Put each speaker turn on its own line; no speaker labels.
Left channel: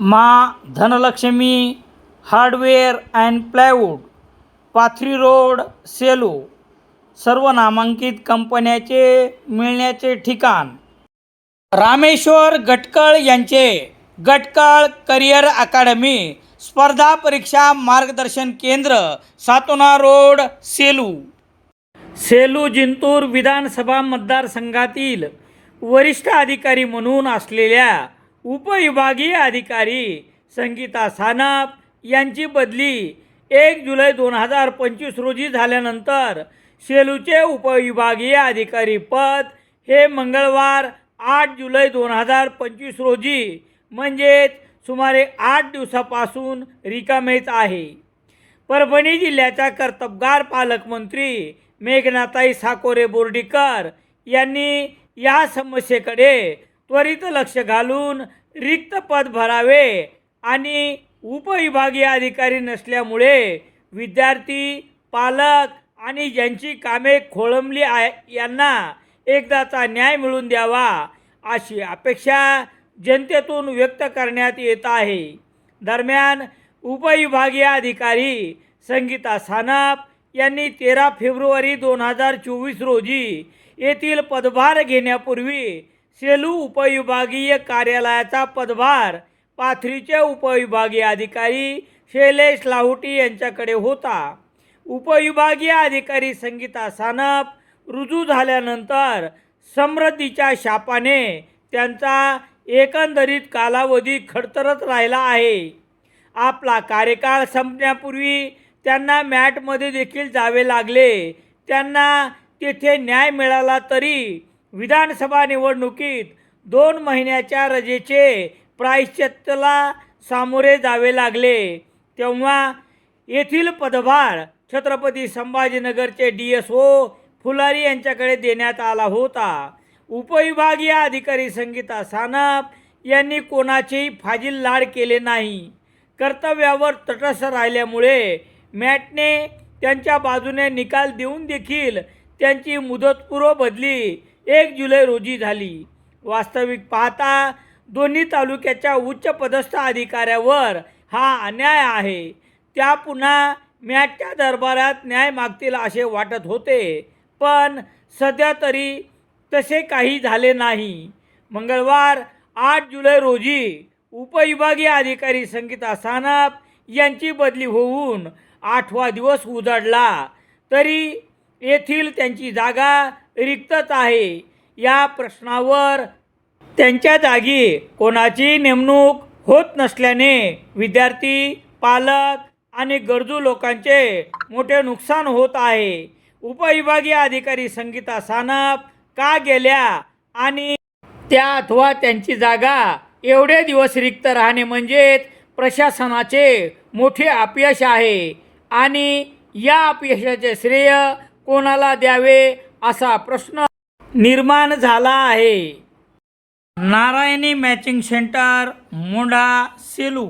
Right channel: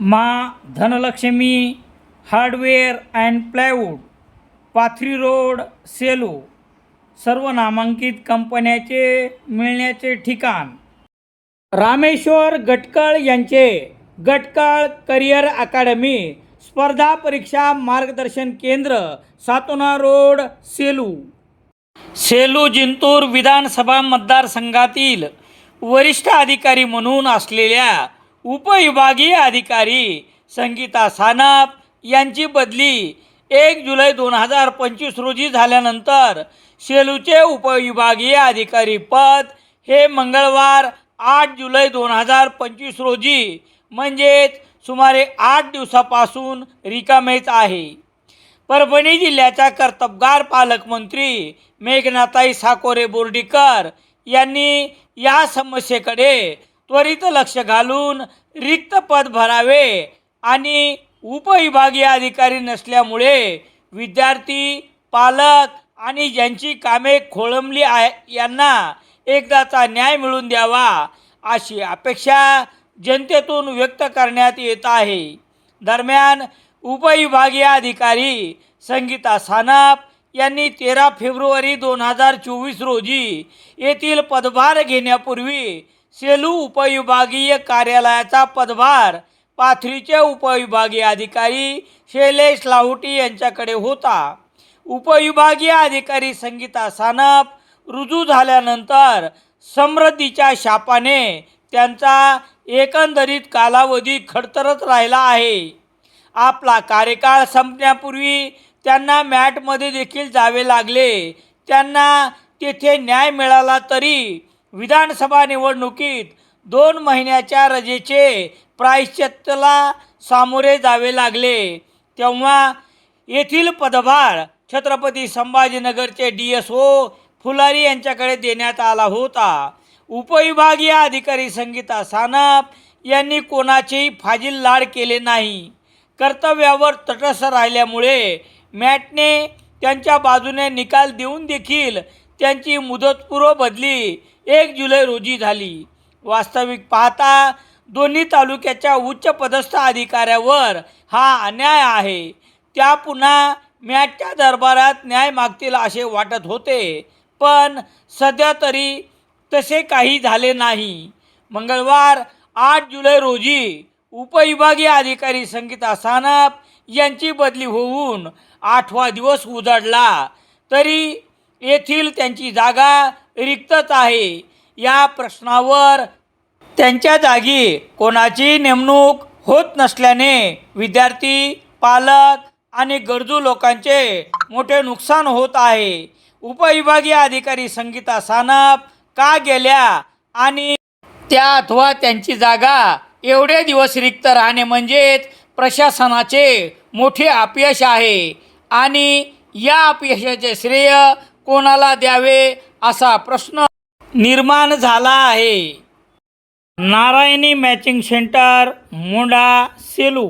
मा Dhanalakshmi hardware and plywood Pathri road Selu सर्व नामांकित कंपन्याचे मिळण्याचे ठिकाण. रामेश्वर गटकळ यांचे गटकळ करिअर अकादमी स्पर्धा परीक्षा मार्गदर्शन केंद्र सातोना रोड सेलू. सेलू जिंतूर विधानसभा मतदारसंघातील वरिष्ठ अधिकारी म्हणून असलेल्या उपविभागीय अधिकारी संगीता सानप यांची बदली एक जुलै दोन हजार पंचवीस रोजी झाल्यानंतर सेलूचे उपविभागीय अधिकारी पद हे मंगळवार आठ जुलै दोन हजार पंचवीस रोजी म्हणजेच सुमारे आठ दिवसापासून रिकामेच आहे. परभणी जिल्ह्याच्या कर्तबगार पालकमंत्री मेघनाताई साकोरे बोर्डीकर यांनी या समस्येकडे त्वरित लक्ष घालून रिक्त पद भरावे आणि उपविभागीय अधिकारी नसल्यामुळे विद्यार्थी पालक आणि ज्यांची कामे खोळंबली आहे यांना एकदाचा न्याय मिळवून द्यावा अशी अपेक्षा जनतेतून व्यक्त करण्यात येत आहे. दरम्यान उपविभागीय अधिकारी संगीता सानप यांनी तेरा फेब्रुवारी दोन हजार चोवीस रोजी येथील पदभार घेण्यापूर्वी सेलू उपविभागीय कार्यालयाचा पदभार पाथरीचे उपविभागीय अधिकारी शैलेश लाहोटी यांच्याकडे होता. उपविभागीय अधिकारी संगीता सानप रुजू झाल्यानंतर समृद्धीच्या शापाने त्यांचा एकंदरीत कालावधी खडतरत राहिला आहे. आपला कार्यकाळ संपण्यापूर्वी त्यांना मॅटमध्ये देखील जावे लागले. त्यांना तेथे न्याय मिळाला तरी विधानसभा निवडणुकीत दोन महिन्याच्या रजेचे प्रायश्चित्तला सामोरे जावे लागले. तेव्हा येथील पदभार छत्रपती संभाजीनगरचे डी एस ओ फुलारी यांच्याकडे देण्यात आला होता. उपविभागीय अधिकारी संगीता सानप यांनी कोणाचेही फाजील लाड केले नाही. कर्तव्यावर तटस्थ राहिल्यामुळे मॅटने त्यांच्या बाजूने निकाल देऊन देखील त्यांची मुदतपूर्व बदली एक जुलै रोजी झाली. वास्तविक पाहता दोन्ही तालुक्याच्या उच्च पदस्थ अधिकाऱ्यावर हा अन्याय आहे. त्या पुन्हा मॅटच्या दरबारात न्याय मागतील असे वाटत होते. पण सध्या तरी तसे काही झाले नाही. मंगळवार आठ जुलै रोजी उपविभागीय अधिकारी संगीता सानप यांची बदली होऊन आठवा दिवस उजाडला. तरी येथील त्यांची जागा रिक्तच आहे. या प्रश्नावर त्यांच्या जागी कोणाची नेमणूक होत नसल्याने विद्यार्थी पालक आणि गरजू लोकांचे मोठे नुकसान होत आहे. उपविभागीय अधिकारी संगीता सानप का गेल्या आणि त्या अथवा त्यांची जागा एवढे दिवस रिक्त राहणे म्हणजेच प्रशासनाचे मोठे अपयश आहे. आणि या अपयशाचे श्रेय कोणाला द्यावे असा प्रश्न निर्माण झाला आहे. Narayani matching centre Monda Selu